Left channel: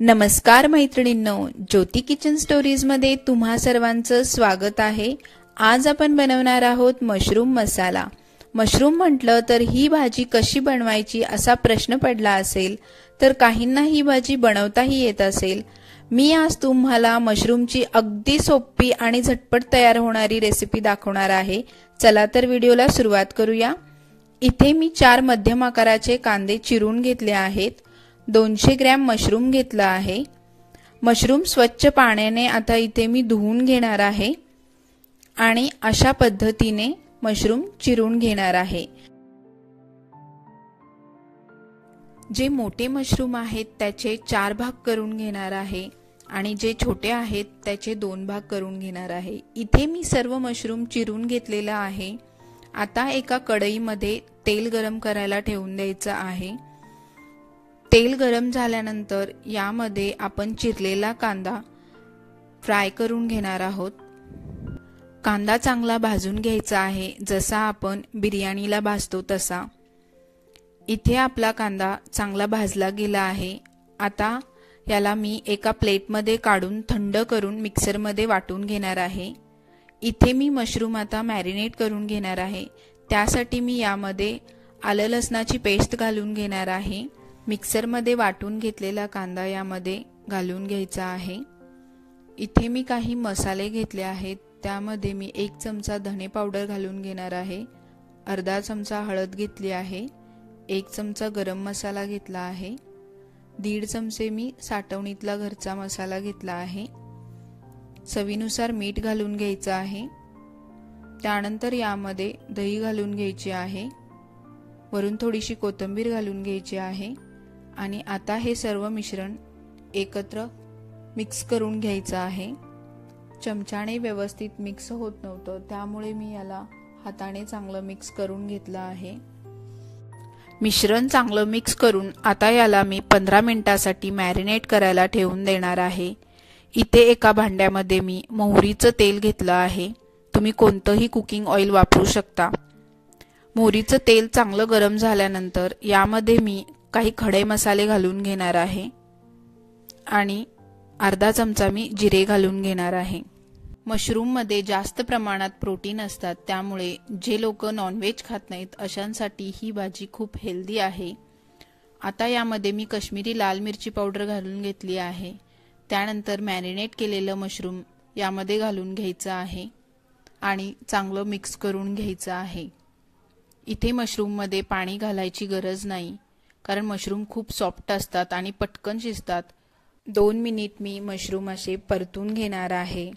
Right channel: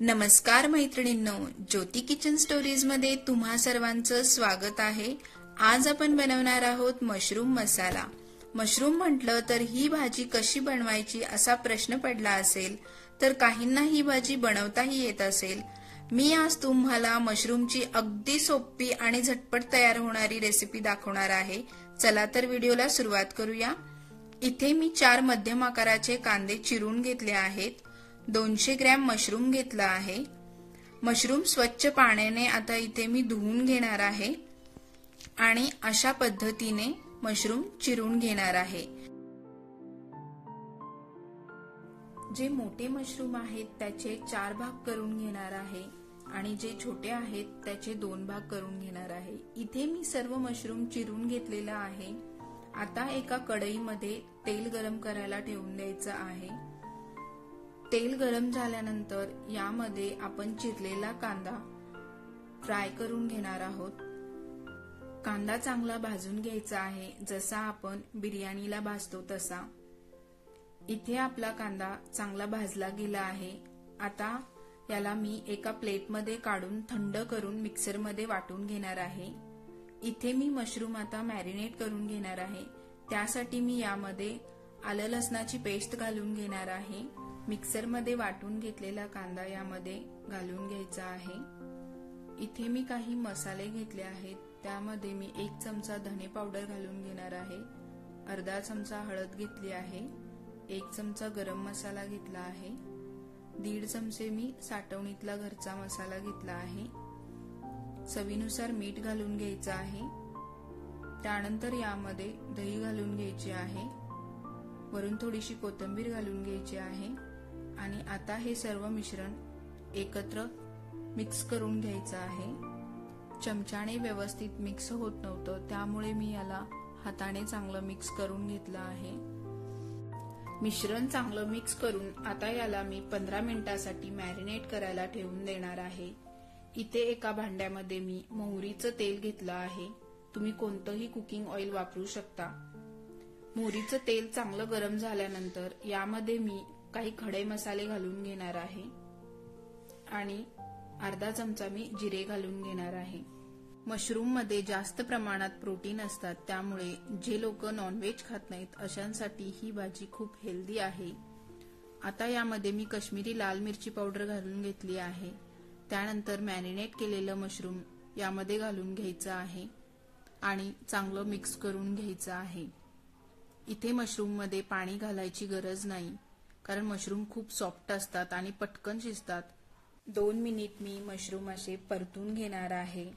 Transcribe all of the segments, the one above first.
नमस्कार मैत्रिणींनो, ज्योती kitchen stories मध्ये तुम्हा सर्वांचं स्वागत आहे। आज आपण बनवणार आहोत मशरूम मसाला। मशरूम म्हटलं तर ही भाजी कशी बनवायची असा प्रश्न पडला असेल, तर काहींना ही भाजी बनवताही येत असेल। मी आज तुम्हाला मशरूमची अगदी सोपी आणि झटपट तयार होणारी रेसिपी दाखवणार आहे। चला तर व्हिडिओला सुरुवात करूया। इथे मी 4 मध्यम आकाराचे कांदे चिरून घेतले आहेत। 200 ग्रॅम मशरूम घेतला आहे। मशरूम स्वच्छ पाण्याने आता इथे मी धुवून घेणार आहे आणि अशा पद्धतीने मशरूम चिरून घेणार आहे। जे मोठे मशरूम आहेत त्याचे 4 भाग करून घेणार आहे आणि जे छोटे आहेत त्याचे 2 भाग करून घेणार आहे। इथे मी सर्व मशरूम चिरून घेतलेला आहे। आता एका कढईमध्ये तेल गरम करायला ठेवून द्यायचं आहे। तेल गरम झाल्यानंतर यामध्ये आपण चिरलेला कांदा फ्राय करून घेणार आहोत। कांदा चांगला भाजून घ्यायचा आहे, जसा आपण बिर्याणीला भाजतो तसा। इथे आपला कांदा चांगला भाजला गेला आहे। आता याला मी एका प्लेटमध्ये काढून थंड करून मिक्सरमध्ये वाटून घेणार आहे। इथे मी मशरूम आता मॅरिनेट करून घेणार आहे। त्यासाठी मी यामध्ये आलं लसणाची पेस्ट घालून घेणार आहे। मिक्सरमध्ये वाटून घेतलेला कांदा यामध्ये घालून घ्यायचा आहे। इथे मी काही मसाले घेतले आहेत। त्यामध्ये मी 1 चमचा धने पावडर घालून घेणार आहे, अर्धा चमचा हळद घेतली आहे, 1 चमचा गरम मसाला घेतला आहे, 1.5 चमचे मी साठवणीतला घरचा मसाला घेतला आहे, चवीनुसार मीठ घालून घ्यायचं आहे। त्यानंतर यामध्ये दही घालून घ्यायची आहे, वरून थोडीशी कोथिंबीर घालून घ्यायची आहे आणि आता हे सर्व मिश्रण एकत्र मिक्स करून घ्यायचं आहे। चमच्याने व्यवस्थित मिक्स होत नव्हतं, त्यामुळे मी याला हाताने चांगलं मिक्स करून घेतलं आहे। मिश्रण चांगलं मिक्स करून आता याला मी 15 मिनिटांसाठी मॅरिनेट करायला ठेवून देणार आहे। इथे एका भांड्यामध्ये मी मोहरीचं तेल घेतलं आहे। तुम्ही कोणतंही कुकिंग ऑइल वापरू शकता। मोहरीचं तेल चांगलं गरम झाल्यानंतर यामध्ये मी काही खडे मसाले घालून घेणार आहे आणि अर्धा चमचा मी जिरे घालून घेणार आहे। मशरूम मध्ये जास्त प्रमाणात प्रोटीन असतात, त्यामुळे जे लोक नॉनव्हेज खात नाहीत अशांसाठी ही भाजी खूप हेल्दी आहे। आता यामध्ये मी काश्मीरी लाल मिरची पावडर घालून घेतली आहे। त्यानंतर मॅरिनेट केलेलं मशरूम यामध्ये घालून घ्यायचं आहे आणि चांगलं मिक्स करून घ्यायचं आहे। इथे मशरूम मध्ये पाणी घालायची गरज नाही, कारण मशरूम खूप सॉफ्ट असतात आणि पटकन शिजतात। 2 मिनिट मी मशरूम असे परतून घेणार आहे।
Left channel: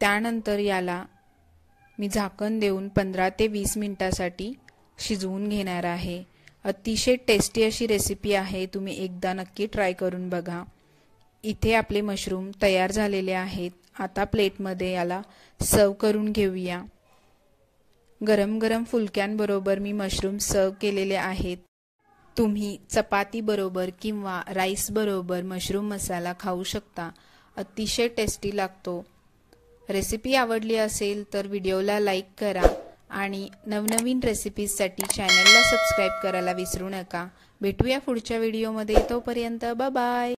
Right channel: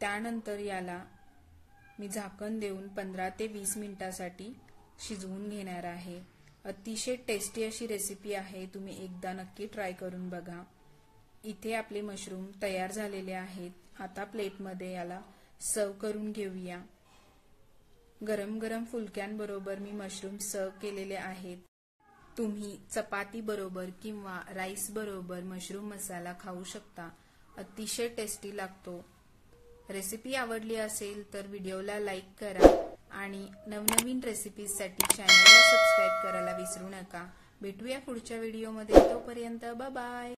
त्यानंतर याला मी झाकण देऊन 15 ते 20 मिनिटांसाठी शिजवून घेणार आहे। अतिशय टेस्टी अशी रेसिपी आहे, तुम्ही एकदा नक्की ट्राय करून बघा। इथे आपले मशरूम तयार झालेले आहेत। आता प्लेटमध्ये याला सर्व करून घेऊया। गरम गरम फुलक्यांबरोबर मी मशरूम सर्व केलेले आहेत। तुम्ही चपाती बरोबर किंवा राईस बरोबर मशरूम मसाला खाऊ शकता, अतिशय टेस्टी लागतो। रेसिपी आवडली असेल तर व्हिडिओला लाईक करा आणि नवनवीन रेसिपीजसाठी चॅनलला सबस्क्राईब करायला विसरू नका। भेटूया पुढच्या व्हिडिओमध्ये, तोपर्यंत बाय बाय।